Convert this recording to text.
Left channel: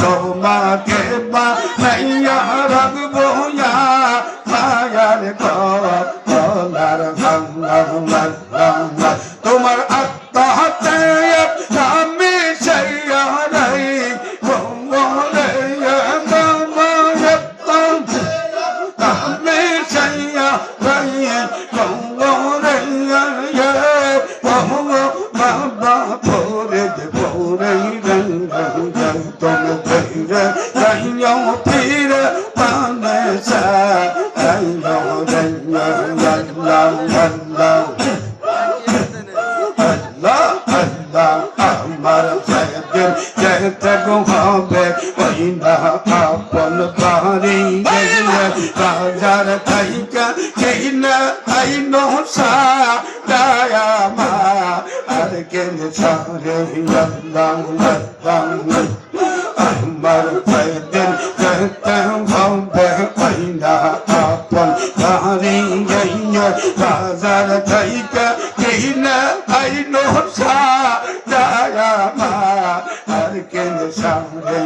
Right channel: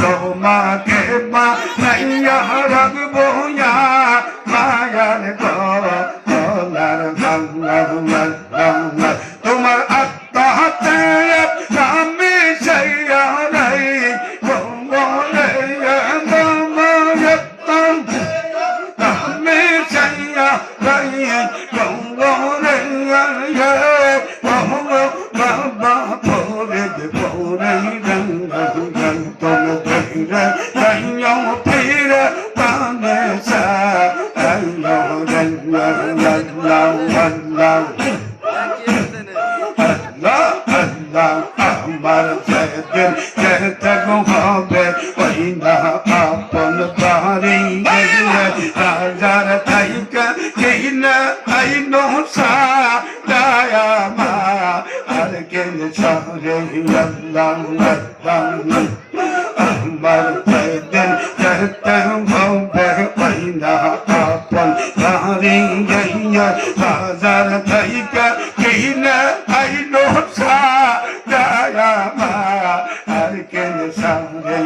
তোমাকে মাইয়া রাখবো মায়ার গলার তোমার আত্মহত্যায় আমি সেইয়া নাই বলে আমি সেইয়া নাই বাবা পরে পরে ফিরে পানে সা আমার যেতে হবে ওই না আপন বাড়ি গেলে রাজার থাইকা কেই না আইন সা মা আর কেন সারে আমার যেদিন যেতে হবে ওই না আপন বাড়ি গেলে রাজার থাইকা কেই না আইন সা আর কেন সারে